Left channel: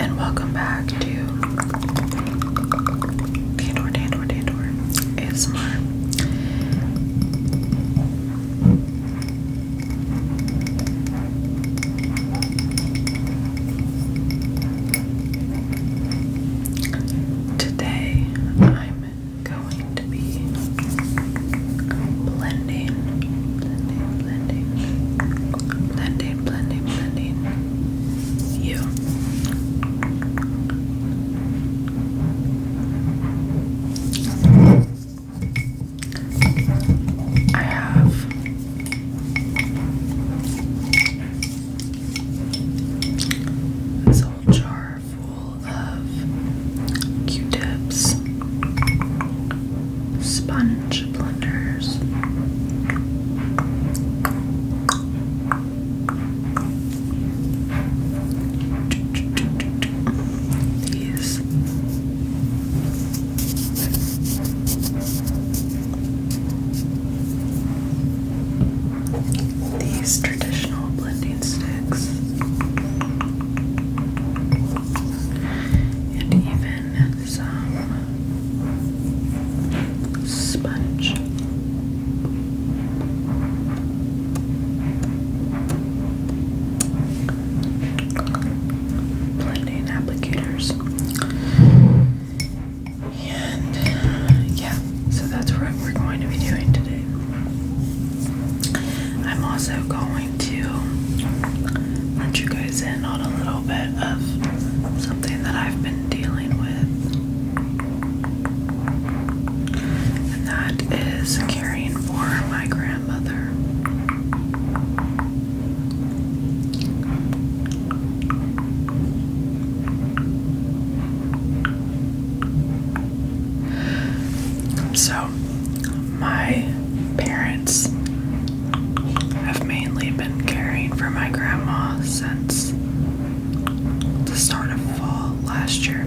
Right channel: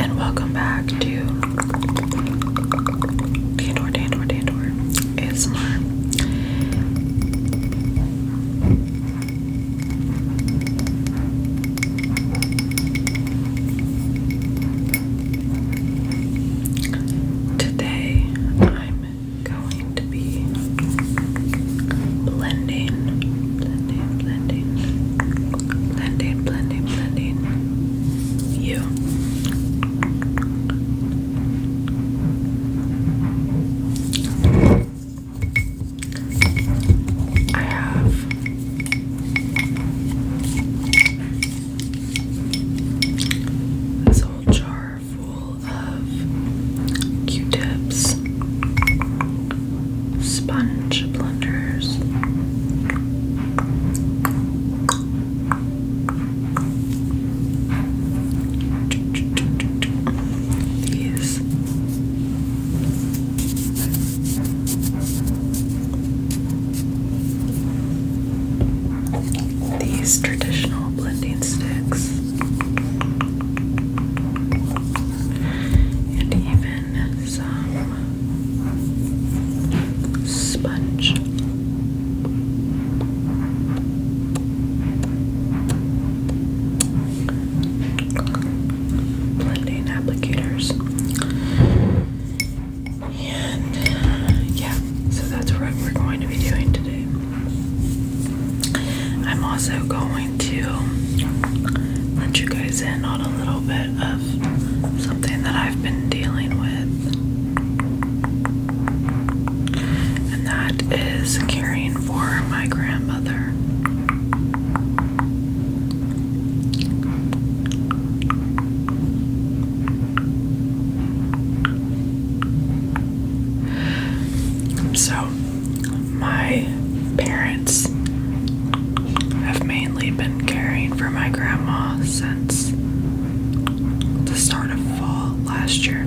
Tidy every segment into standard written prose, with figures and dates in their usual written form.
and welcome back to Dandor ASMR. Today I'm going to be blending you. I have this whole jar full of Q-tips, sponge blenders, these traditional blending sticks, and even some sponge blending applicators. And yeah, so that's what we're going to be doing today. I'm also going to let you guys in on a little bit of something that I've been dealing with, and that is caring for my grandmother. So, my parents have mainly been caring for my grandma since the start of fall last year.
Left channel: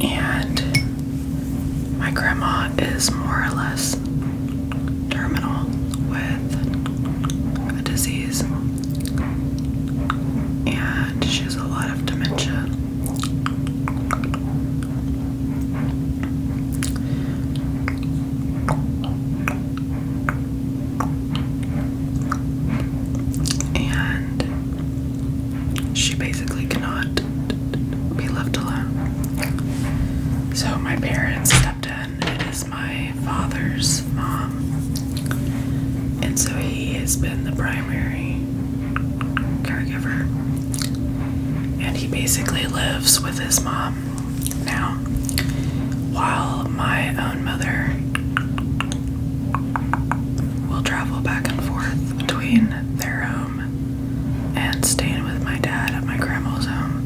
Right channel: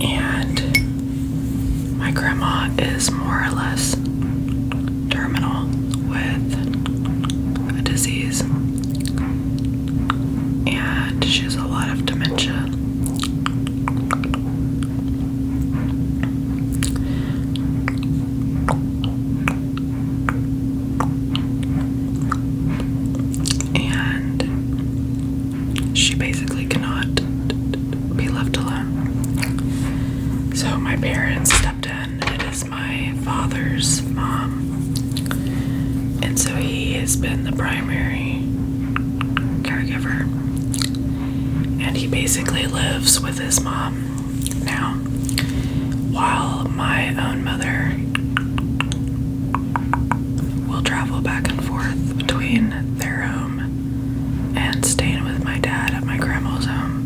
And my grandma is more or less terminal with a disease, and she has a lot of dementia. And she basically cannot be left alone. So my parents stepped in. It is my father's mom, and so he has been the primary caregiver, and he basically lives with his mom now, while my own mother will travel back and forth between their home and staying with my dad at my grandma's home.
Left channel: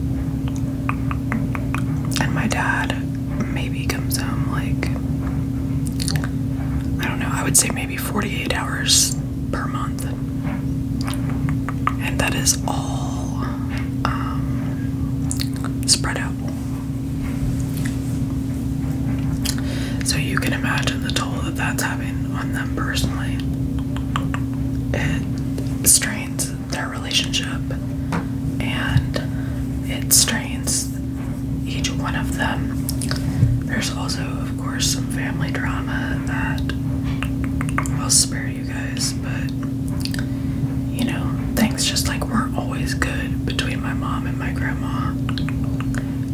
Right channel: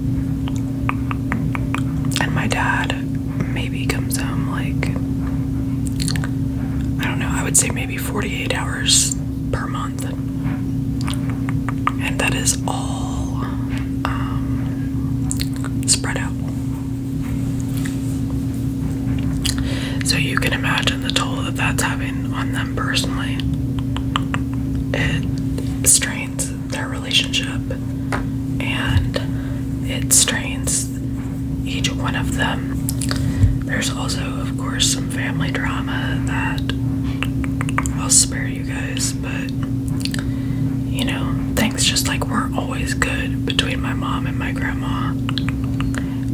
And my dad maybe comes home like, I don't know, I would say maybe 48 hours per month. And that is all spread out. So you can imagine the toll that that's having on them personally. It strains their relationship, and it strains each one of them. There's also, of course, some family drama that I'll spare you guys, but you know, things just like weren't always good between my mom and my grandma.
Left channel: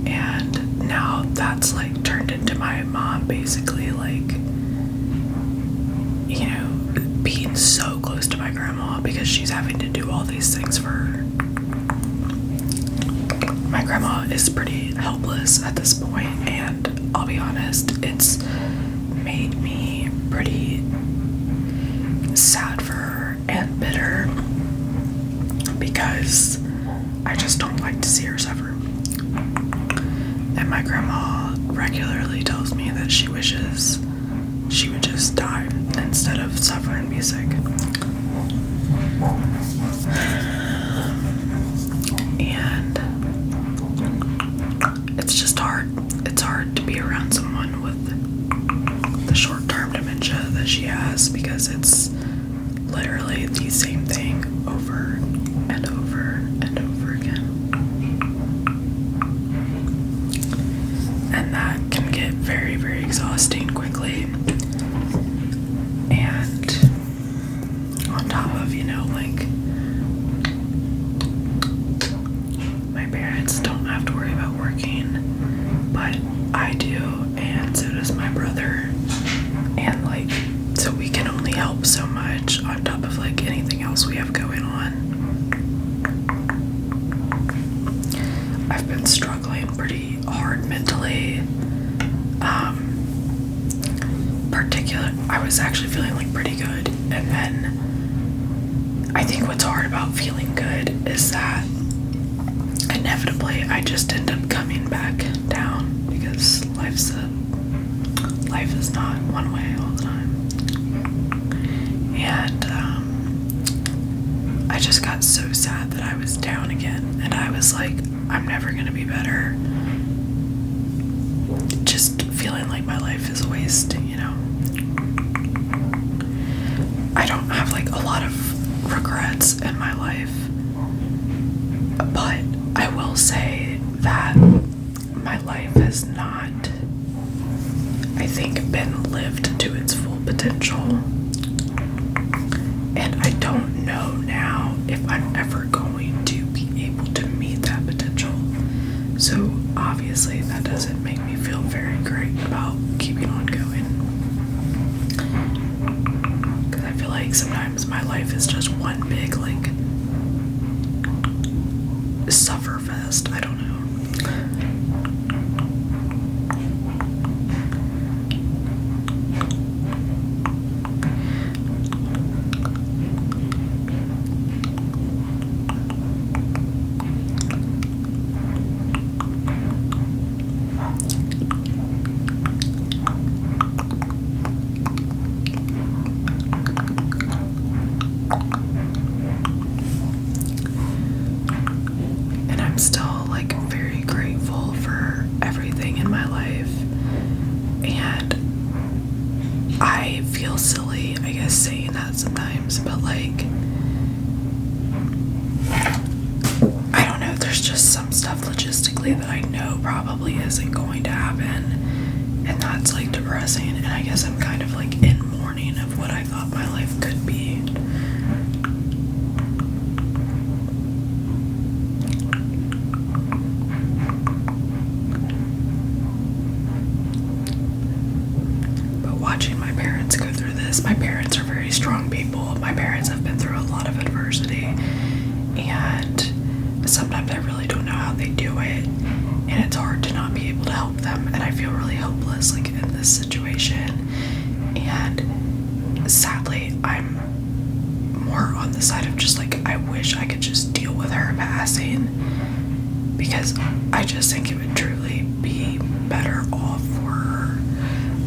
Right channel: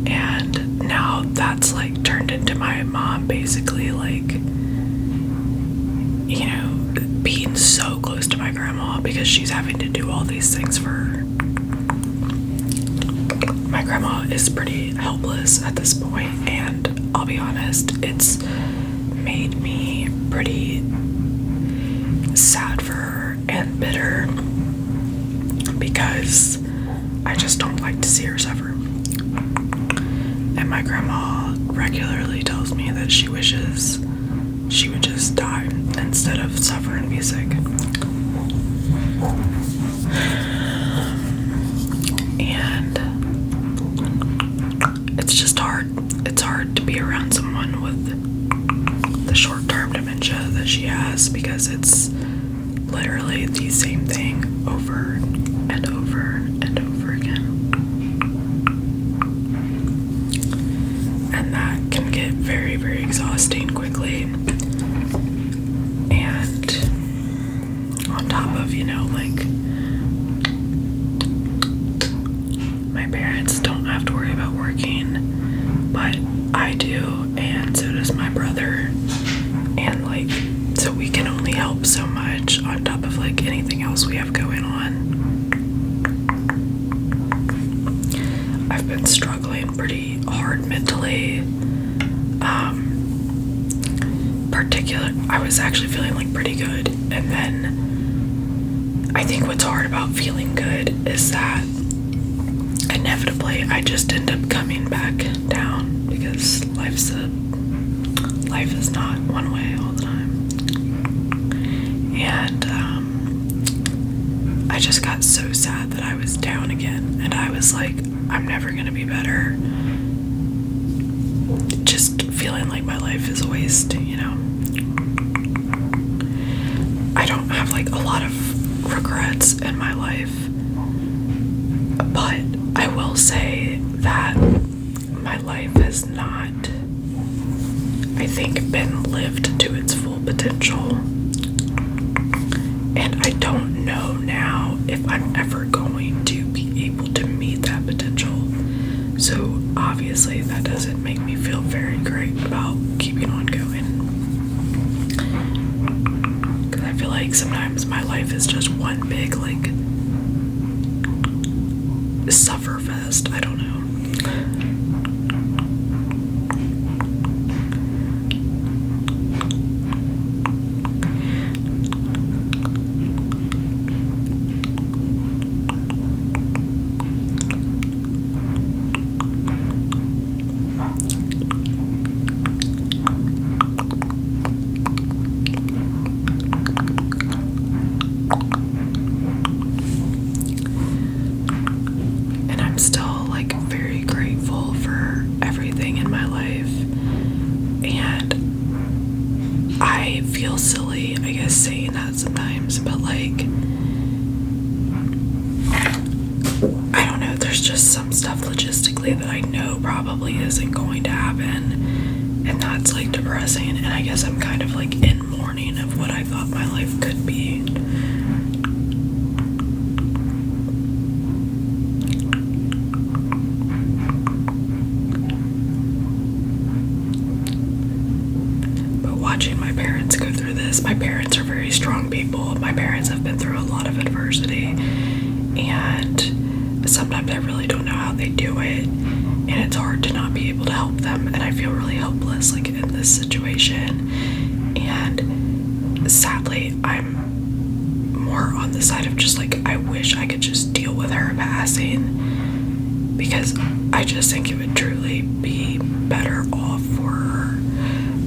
And now that's like turned into my mom basically like, you know, being so close to my grandma because she's having to do all these things for her. My grandma is pretty helpless at this point, and I'll be honest, it's made me pretty sad for her and bitter because I just don't like to see her suffer. And my grandma regularly tells me that she wishes she would just die instead of suffer and be sick. And it's just hard. It's hard to be around someone with the short-term dementia that she has because it's literally the same thing over and over and over again. And that can get very, very exhausting quickly. And on top of, like, my parents don't have to worry about working, but I do, and so does my brother. And, like, so we can only help so much on top of, like, anything else we have going on. I've been struggling pretty hard mentally. I was actually feeling like pretty good, and then I think what's hard about feeling good is that inevitably I just end up coming back down, because life is not one way all the time. And I just got so sad that I was down again, and I was like, I'm never gonna be better. Just feeling like my life is a waste, I don't have like a lot of regrets in my life, but I will say that my life has not, I think, been lived to its full potential. And I don't know now if I'm ever going to be able to meet that potential. So obviously that doesn't make me feel very great about keeping on going. Because I feel like sometimes my life is just one big, like, suffer fest. I don't know. Still like very grateful for everything in my life, and I feel silly, I guess, saying that sometimes, but like, I don't know, there's just some stuff logistically that I know probably isn't going to happen, and that's like depressing. And I guess I'm kind of like in mourning of what I thought my life could be. Watching my parents go through this. My parents are very strong people. My parents have been through a lot of adversity, and sometimes I really don't know how they do it, and it's hard to not be able to help them, and I feel really helpless, like, in this situation. And sadly, I'm more on the side of just like, I wish I could just deal with her passing, because I just think it would truly be better off for her.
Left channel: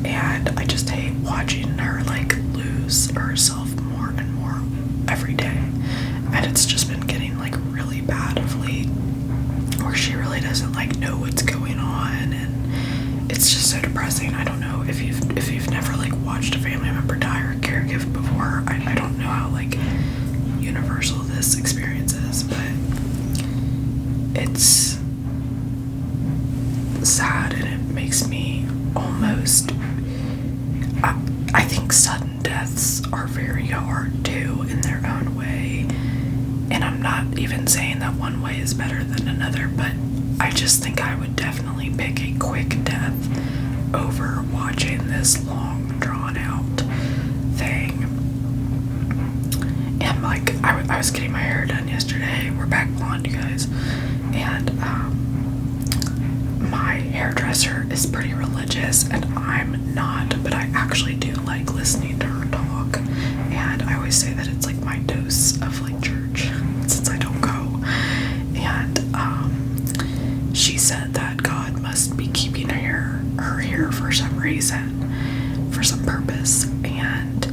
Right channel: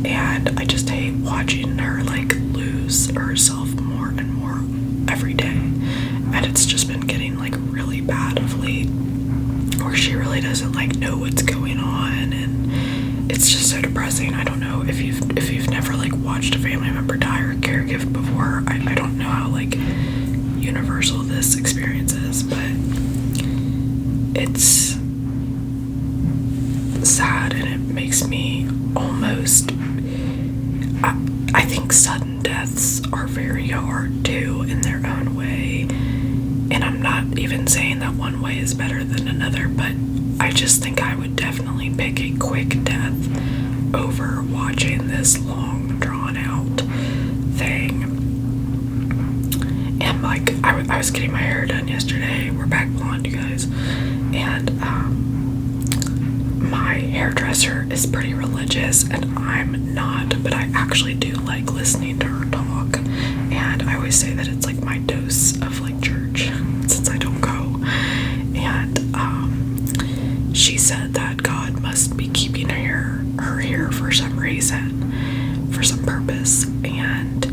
And I just hate watching her like lose herself more and more every day. And it's just been getting like really bad of late, where she really doesn't like know what's going on, and it's just so depressing. I don't know if you've never like watched a family member die or caregive before. I don't know how like universal this experience is, but it's sad, and it makes me almost, I think sudden deaths are very hard too in their own way, and I'm not even saying that one way is better than another, but I just think I would definitely pick a quick death over watching this long drawn out thing. And like, I was getting my hair done yesterday. We're back blonde, you guys, and my hairdresser is pretty religious, and I'm not, but I actually do like listening to her talk, and I always say that it's like my dose of like church, since I don't go. And she said that God must be keeping her here for some reason, for some purpose, and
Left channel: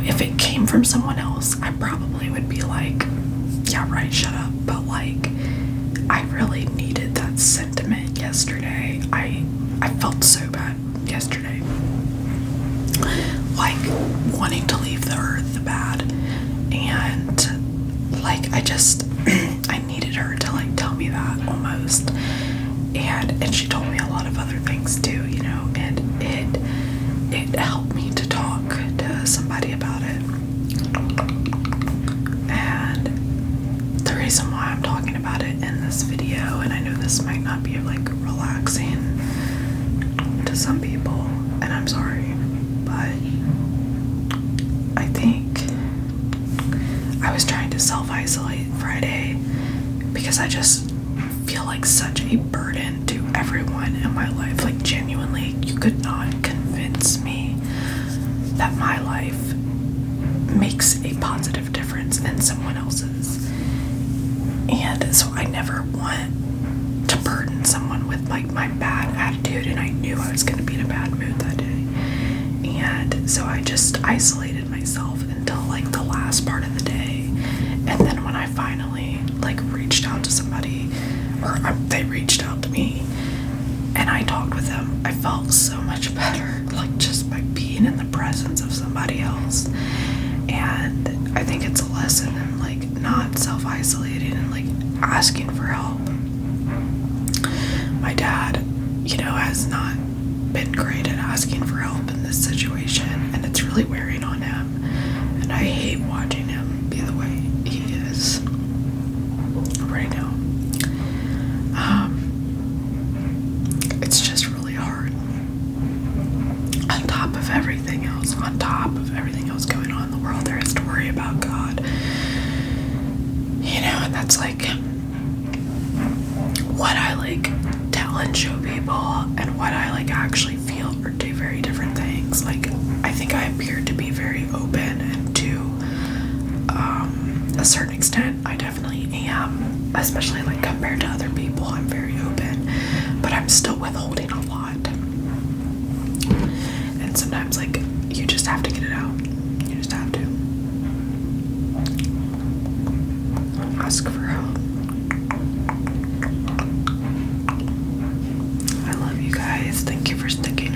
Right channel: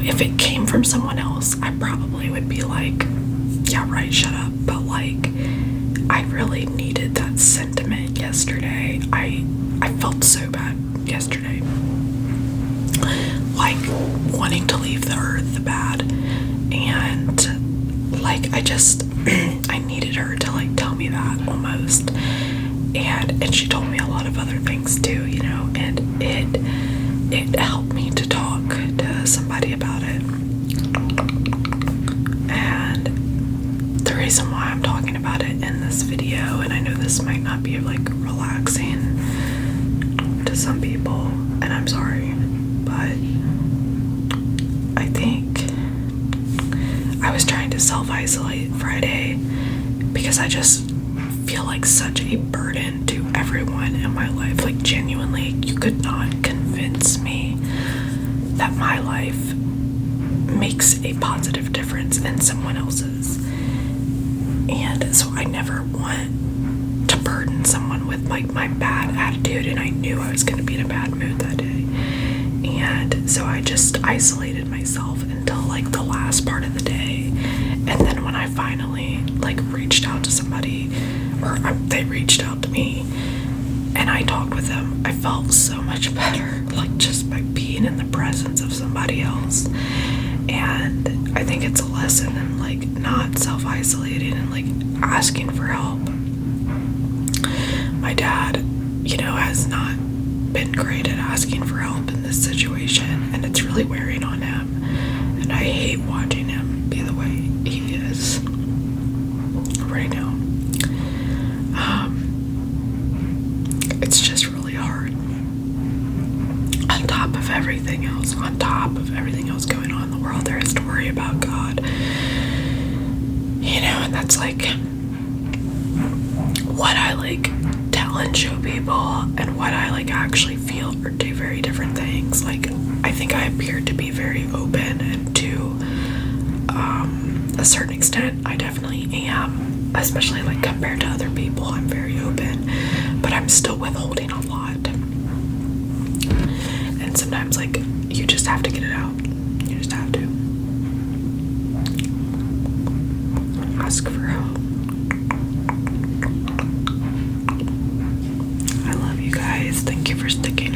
if it came from someone else, I probably would be like, yeah, right, shut up. But like, I really needed that sentiment yesterday. I felt so bad yesterday. Like, wanting to leave the earth bad. And like, I just, I needed her to like tell me that almost. And she told me a lot of other things too, you know, and it helped me to talk to somebody about it. And the reason why I'm talking about it in this video, and I know this might not be like relaxing to some people, and I'm sorry, but I think I was trying to self-isolate Friday because I just feel like such a burden to everyone in my life. Like, genuinely, you could not convince me that my life makes a positive difference in someone else's. And so I never want to burden someone with like my bad attitude, and I knew I was going to be in a bad mood that day. And so I just isolated myself until like the last part of the day. And then when I finally like reached out to somebody, or they reached out to me and I talked with them, I felt so much better, like just by being in the presence of somebody else. And I think it's a lesson in like not self-isolating and like asking for help. My dad, you know, has not been great at asking for help in this situation, and it's really wearing on him. And I hate watching him be the way he is right now. It's just really hard. On top of everything else going on in the world, there is to worry about God. You know, and that's like what I like tell and show people, and what I like actually feel are two very different things. Like, I think I appear to be very open, and to a certain extent I definitely am, especially like compared to other people. I'm very open, but I'm still withholding a lot. And sometimes like you just have to get it out. You just have to ask for help. I love you guys. Thank you for sticking